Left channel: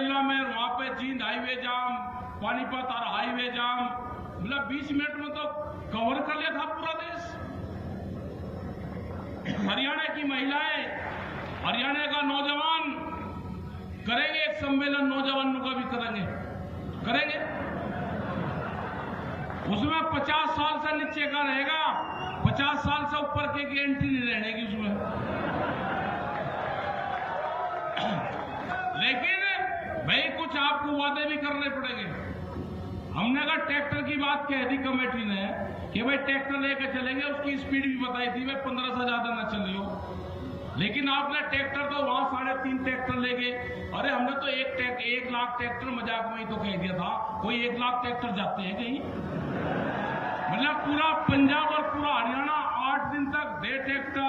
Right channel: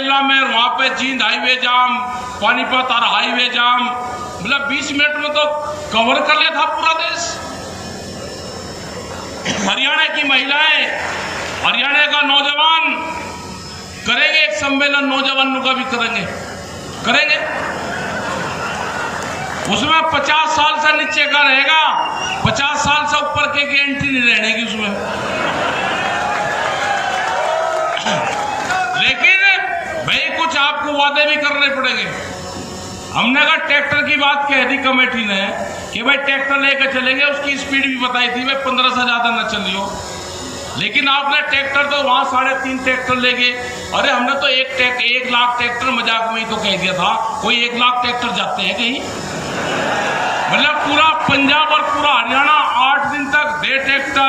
केरला में वहां पे जींद हाईवे जाम, पानीपत और हाईवे जाम, मतलब 20 मिनट में तो कवर कर लिया था पूरा देश। हरियाणा की महिलाएं, हरियाणा का नौजवान करेंगे एक सम्मेलन, नौजवानों का भी करेंगे। उसमें 50 साल से नीचे का रहेगा, 50 साल से ऊपर के एंट्री नहीं रहेगी उसमें। लेकिन भाई कुछ आपको वादे भी करने पड़ेंगे। हमने कहा ट्रैक्टर की बात कह दी कमेटी ने कि भाई ट्रैक्टर लेकर चलेंगे, उसकी स्पीड भी बताई थी भाई 15 से ज्यादा न चलियो। लेकिन आपने ट्रैक्टर तो वहां 3.5 ट्रैक्टर ले गए। अरे हमने तो 1 लाख ट्रैक्टर मजाक में ही तो कह दिया था। कोई 1 लाख ट्रैक्टर जाते हैं कहीं? मतलब पूरा पंजाब और पूरा हरियाणा 8 दिन तक दे ट्रैक्टर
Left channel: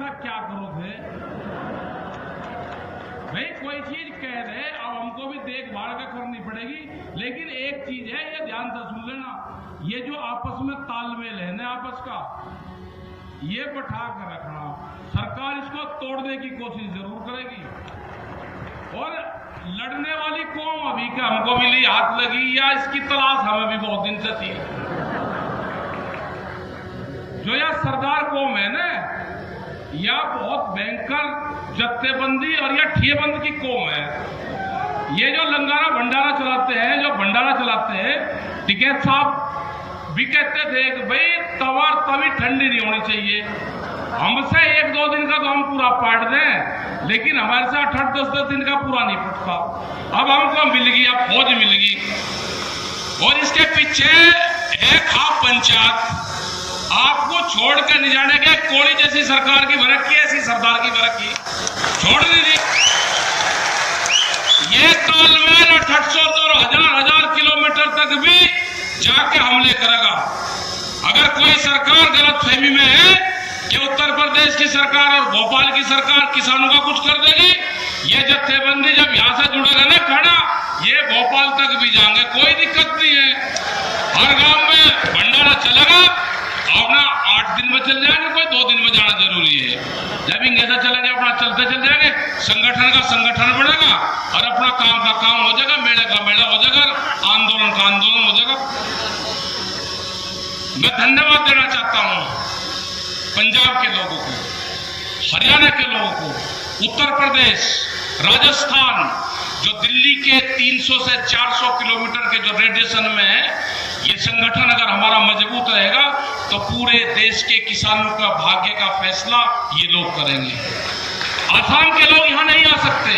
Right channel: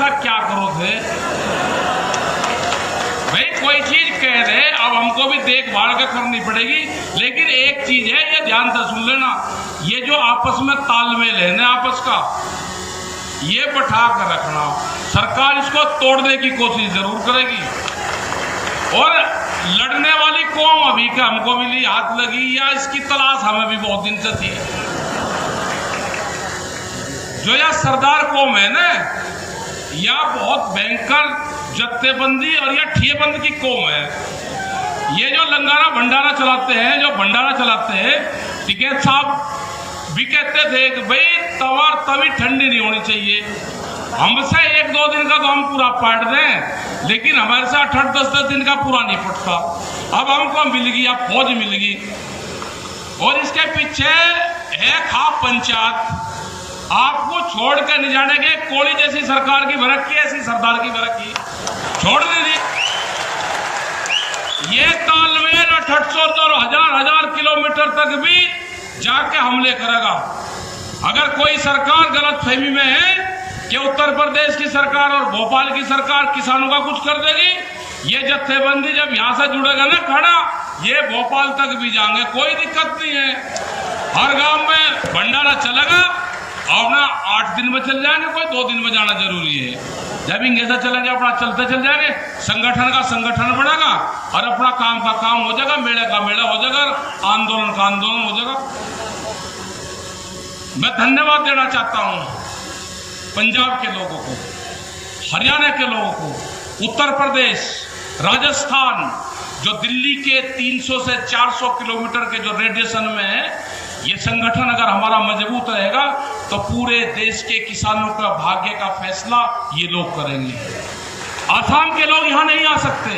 था। क्या करो थे भाई? कोई चीज कह रहे, अब हमको भी देखभाल के करनी पड़ेगी। लेकिन एक चीज है, ये ध्यान से सुन लेना, ये जो आपस में तालमेल है ना आपस का, ये बैठा कर रखना। सरकार इसको तोड़ने की कोशिश जरूर करेगी। और लड़ने वाली कौम अभी का हमको भी लिए हाथ लगी या इसकी तलाश हमें भी बहुत दिन से थी। जो यह सरदार कौम है ना, यह बहुत भयंकर जत्थेबंदी और यह ठियेबंद की कौम है। ये जो लंगारा भंडारा चलाते हैं, टिकैत साहब भी कहते थे कि भाई तवा तभी ठंडी नहीं होनी चाहिए। हमसे 1-2 दिन का तो हम पूरा पाट दें, लेकिन हमारे साथ 8-10 दिन का पूरा नहीं पटता। अब हमको मिल गई, अब फौज मिल गई, और इसके पीछे है खाप पंचायत। आपको छोड़ के नहीं जाने के, कोड़ी जैसी सरकार की भड़क की, ऐसी सरदार की भड़क की छोड़ नहीं दी। ये तालमेल 800 और हजार किलोमीटर तक भी जाके हमले करेगा। अगर कोई सरकार गलतफहमी में है कि उत्तर प्रदेश की सरकार और भोपाल की सरकार किसानों का कुछ कर देगी, ये जत्थेबंदी जब यहां से जुड़ेगा ना खड़ा, ये भोपाल तक भी जाएंगे, कोई दिक्कत नहीं है। हर गांव में भंडारा चलेगा, और ना 8 दिन में चल जाएंगे, कोई 2 दिन में जाना जरूरी है। जब इंग्लिश चलेंगे अपना चलते चल जाएंगे, संगठन का संगठन बढ़ेगा और अपना काम का काम हो जाएगा, मेले का मेला हो जाएगा, आंदोलन का आंदोलन हो जाएगा। मैं धन्यवाद देना चाहता हूं पंजाब के लोगों को, हरियाणा के लोगों को, उत्तर प्रदेश, राजस्थान, जो दिल्ली के 300 से 400 किलोमीटर के जो रेडिएशन में है, ये संगठन अगर हमारा मजबूत रहेगा तो पूरे देश के किसानों का भाग्य का फैसला ये लोग करेंगे। आसाम के लोग यहां नहीं आ सकते।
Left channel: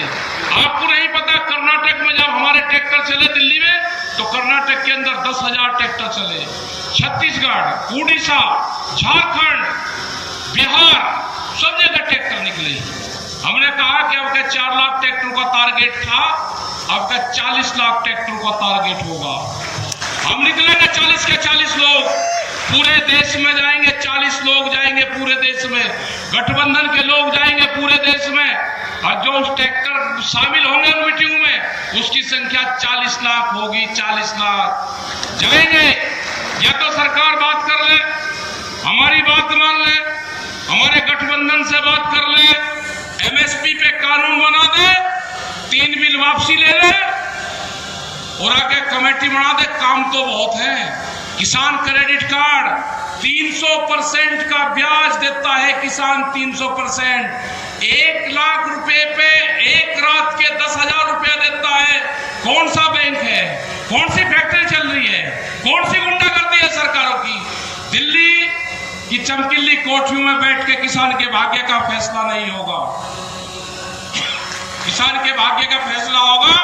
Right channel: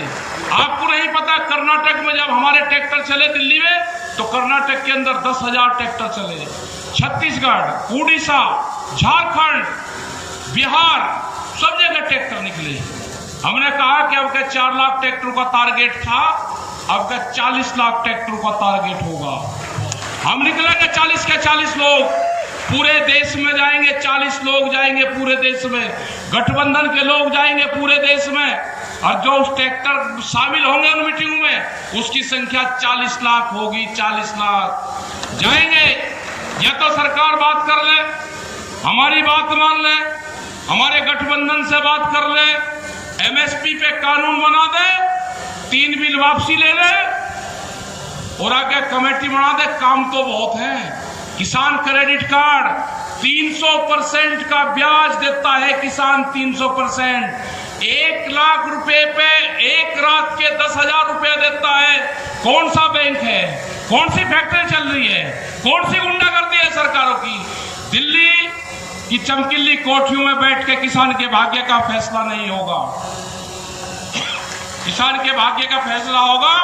आपको नहीं पता, कर्नाटक में जब हमारे ट्रैक्टर चले दिल्ली में, तो कर्नाटक के अंदर 10,000 ट्रैक्टर चले। छत्तीसगढ़, उड़ीसा, झारखंड, बिहार, सब जगह ट्रैक्टर निकले। हमने कहा कि अब के 4 लाख ट्रैक्टर का टारगेट था, अब का 40 लाख ट्रैक्टर का टारगेट होगा। हम निकलेंगे 40 के 40 लोग, पूरे देश में जाएंगे, 40 लोग जाएंगे पूरे देश में, गठबंधन के लोग जाएंगे पूरे देश में, और जो उस ट्रैक्टर शामिल होंगे उन मीटिंग में, उसकी संख्या 40 लाख होगी। 40 लाख जाएंगे। या तो सरकार बात कर ले, हमारी बात मान ले, हमारे गठबंधन से बात कर ले, MSP पे कानून बना दे, 3 बिल वापसी ले ले, और आगे कमेटी बना दे। काम तो बहुत है। किसान क्रेडिट कार्ड 300% का ब्याज देता है किसान, 300%। 1 लाख रुपए पे एक रात के 10,000 रुपए देता है। कौन सा बैंक है? कौन सी फैक्ट्री चल रही है? कौन सी गुंडागर्दी है सरकारों की? दिल्ली की चमकीली कोठरियों में बैठ के किसान के भाग्य का फैसला नहीं होगा। किसान के भाग्य का फैसला होगा,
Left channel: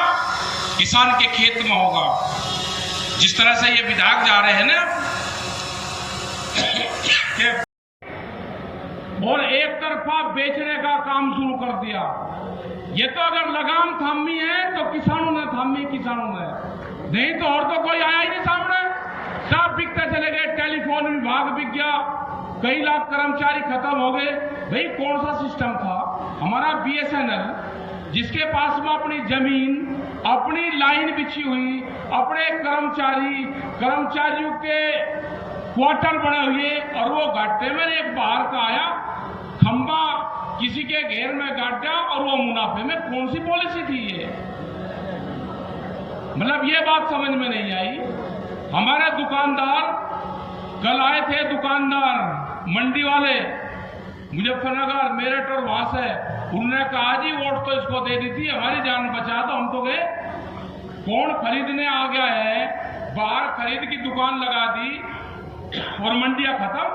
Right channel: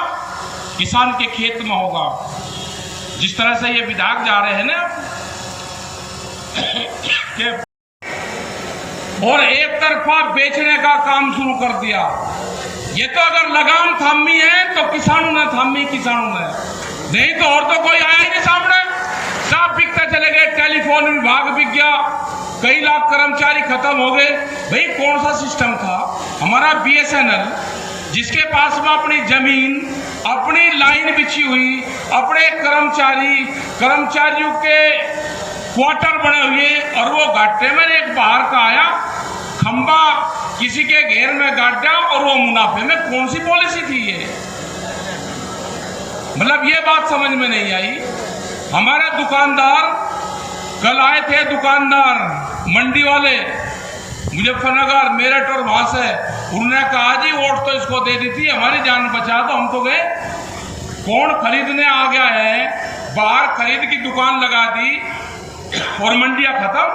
किसान के खेत में होगा। जिस तरह से ये विधायक जा रहे हैं ना, और एक तरफा बेचने का काम शुरू कर दिया। ये तो अगर लगाम थामी है तो किसानों ने थामी, किसानों ने नहीं तो और तो कोई आया ही नहीं सामने। सब बिकते चले गए, टेलीफोन विभाग बिक गया, कई लाख कर्मचारी खत्म हो गए। भाई कौन सा सिस्टम था हमारा? BSNL, जिसके पास में अपनी जमीन, अपनी लाइन बिछी हुई, अपने कर्मचारियों के क्वार्टर बने हुए, और वो घाटे में एक बाहर का आया खंबा किसी के घेर में गड्ढा और वो मुनाफे में, कौन सी पॉलिसी थी ये? मतलब ये बात समझ में नहीं आई। हमारे दुकानदार कल आए थे, दुकानदार मंडी वाले मुजफ्फरनगर, मेरठ और वहां से, उन्होंने कहा जी वोट तो इसको दे दी थी, हमारी जान बचा, तो हम तो गए। कौन खरीदने आ गया है? बाहर खरीद की दुकान लगा दी और मंडियां खत्म।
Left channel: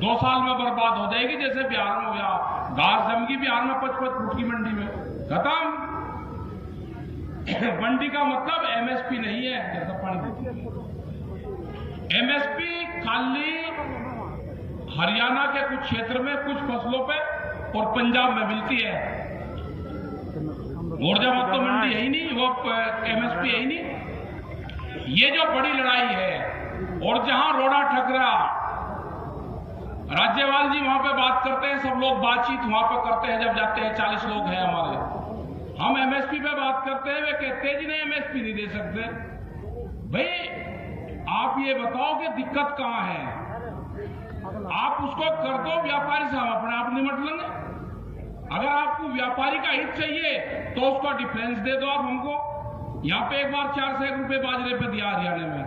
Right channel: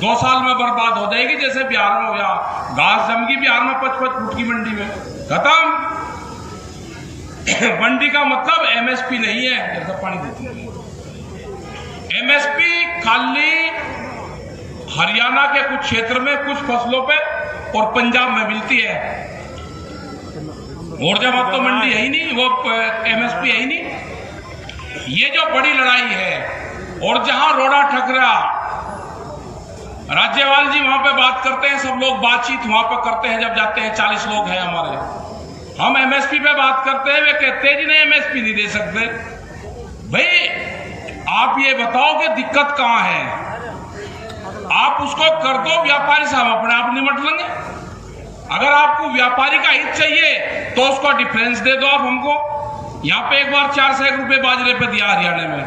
2 साल में बर्बाद हो जाएगी, जैसे बिहार में हो गया, घास जम गई बिहार में 55 फुट की मंडी में, खत्म। मंडी का मतलब एमएसपी नहीं है, जैसा पानी देती है। एमएसपी खाली हरियाणा के कुछ क्षेत्र में कुछ फसलों पे और पंजाब में मिलती है, और जब अब तो मंडी है ही नहीं, वो एमएसपी है ही नहीं। ये जो बड़ी लड़ाई है, और जहां रोड़ा ठकरा, राज्यपाल जी वहां पे बात करते हैं, सब लोग बातचीत वहां पे करते हैं, जब जाते हैं 40 लोग हैं हमारे, हम एमएसपी पे बात करते हैं, वे कहते हैं जी नहीं एमएसपी नहीं दे सकते। भाई आप ये बताओ कि दिक्कत कहां है? आप उसको कर दो, व्यापारी से हम अपने आप निपट लेंगे। अगर आपको व्यापारी का हित चाहिए तो उसका डिफरेंस दे दो आप हमको। यहां पे एक बार 4 सौ रुपए बाजरे पे दिया हरियाणा में,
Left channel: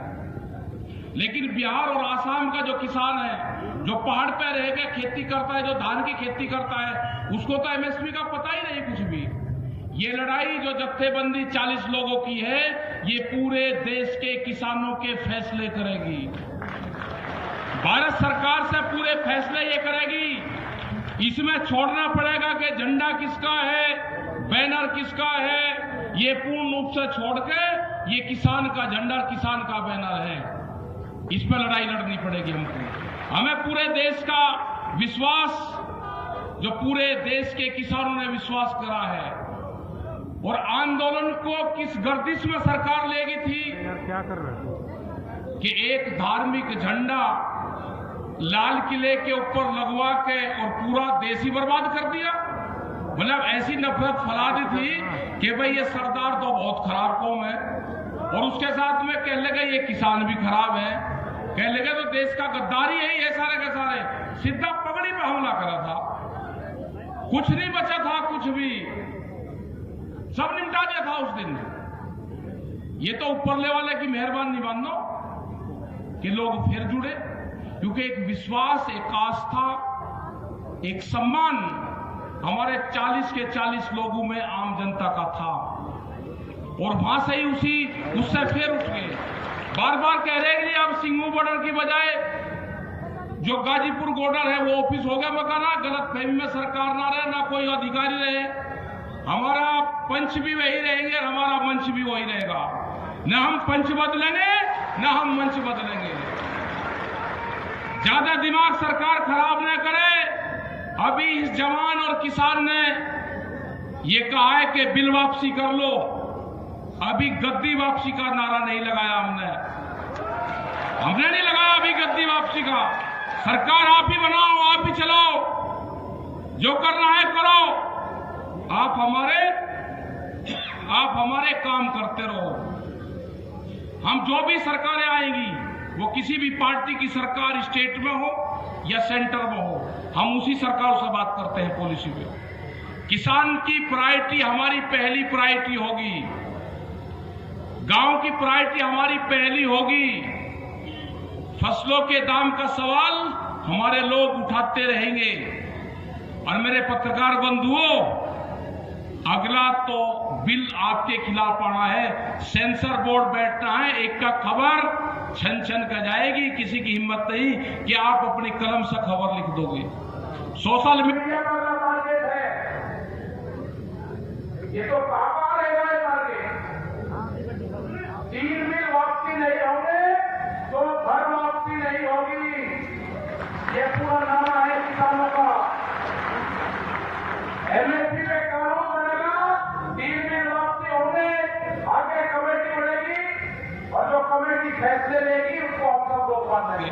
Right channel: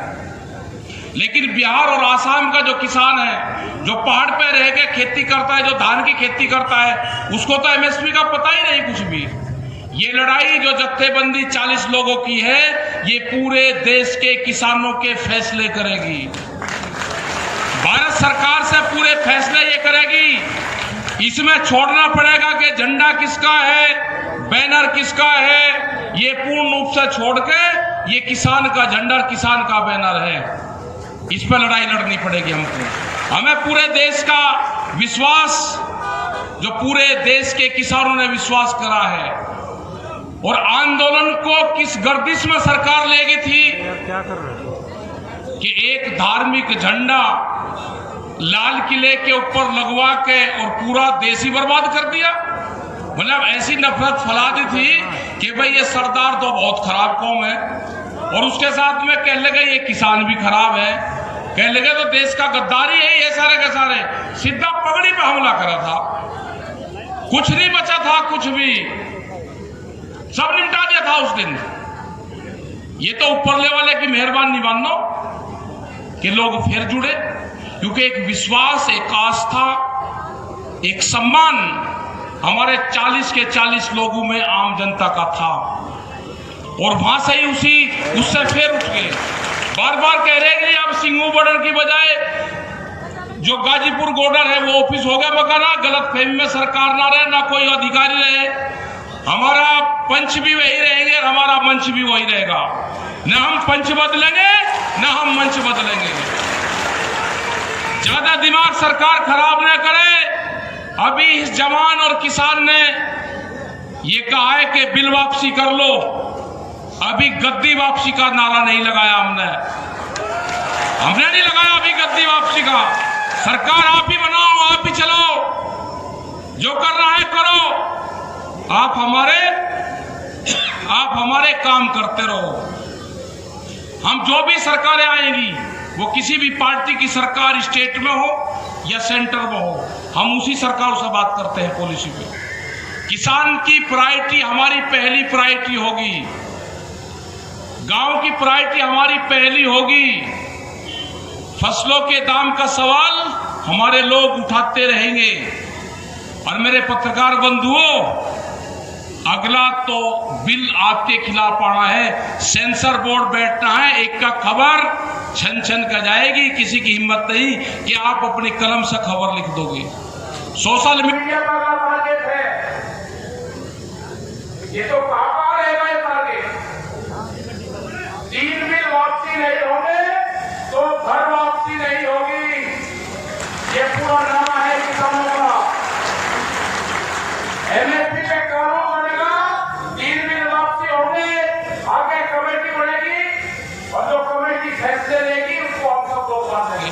लेकिन बिहार और आसाम का जो किसान है, जो पहाड़ पे रह के खेती करता है, जो धान की खेती करता है, उसको तो एमएसपी का पता ही नहीं कुछ भी। ये लड़ाई जो जत्थेबंदी 40 लोगों की है, ये पूरे देश के किसानों के फैसले करेगी। भारत सरकार से पूरे फैसले ये करेगी। इसमें छोड़ना पड़ेगा कि झंडा किसका है, बैनर किसका है, ये पूर्ण रूप से छोड़ के ये किसान का झंडा, किसान का बैनर है, इस पर लड़ाई लड़नी पड़ेगी हमको। हमें पूरे देश का विश्वास, जो पूरे देश के किसानों ने विश्वास करा है, और आंदोलन को किस गर्दिश में सरकार लेगी थी क्या कर रहे कि एक धार्मिक झंडा लाल किले के ऊपर लगवा के और पूरा देश ही बर्बाद कर दिया। मतलब ऐसी नफरत फैला दी थी कि भाई ये सरदार तो बहुत खराब कौम है, और उसके साथ में कह लगे ये किसान भी खराब है, कह लगे तो देश का गद्दारी है ये सारे के सारे। सीधा पगड़ी पे हमला करा था, कुछ नहीं बचा था, कुछ भी सब निपटा दिया था उस दिन। ये तो ऊपरले वाले की मेहरबानी मानो कि लोग फिर जुड़े, क्योंकि एक विश्वास, एक आस्था, एक सम्मान हमारे 40 के 40 लोगों में आम जनता का था, और वहां से ही उससे फिर उठ गए। बार बार कह रहे हैं कि अब सिंगू बॉर्डर की बजाय जो गाजीपुर बॉर्डर है वो ऑफिस हो गया मकाना, गलत फहमी में सरकार ना रहे, ना कोई अधिकारी रहे, हमारा पंच भी वही रहेंगे और हमारा मंच भी वही रहेगा। न हम पंच बदलेंगे न हम मंच बदलेंगे। ज्यादा दिमाग सरकार खराब न करे। अभी इस जवान और किसान ने ये कहा है कि बिल वापसी कर लो, अभी गद्दी वापसी का नारा नहीं लगाया हमने नहीं लगाया अभी गद्दी वापसी का। सरकार आप ही बनाओ, आप ही चलो, जो करना है करो, आप हमारे काम करते रहो। हम जो भी सरकारें आएंगी, वो किसी भी पार्टी की सरकार स्टेट में हो या सेंटर में हो, हम उसी सरकार से बात करते हैं पॉलिसी पे। किसान की प्रायोरिटी हमारी पहली प्रायोरिटी होगी, गांव की प्रायोरिटी हमारी पहली होगी। फसलों के दाम का सवाल हमारे लोग उठाते रहेंगे। और मेरे पत्रकार बंधुओं, अगला तो बिल आपके खिलाफ आना है, सेंसर बोर्ड बैठना है, एक का खबर छन छन का जाएगी, किसी की हिम्मत नहीं कि आप अपनी कलम से खबर लिख दोगे। सोशल मीडिया पर टारगेट है, ये तो पापा रहेगा ये टारगेट। 3 बिल वापसी नहीं होंगे तो घर वापसी नहीं होगी, ये पूरा नारा है किसानों का। एमएसपी पे कानून बनेगा, 3 बिल वापसी होंगे, आगे कमेटी बनेगी और जो कमेटी फैसले लेगी उसको हम सब लोग मान देंगे।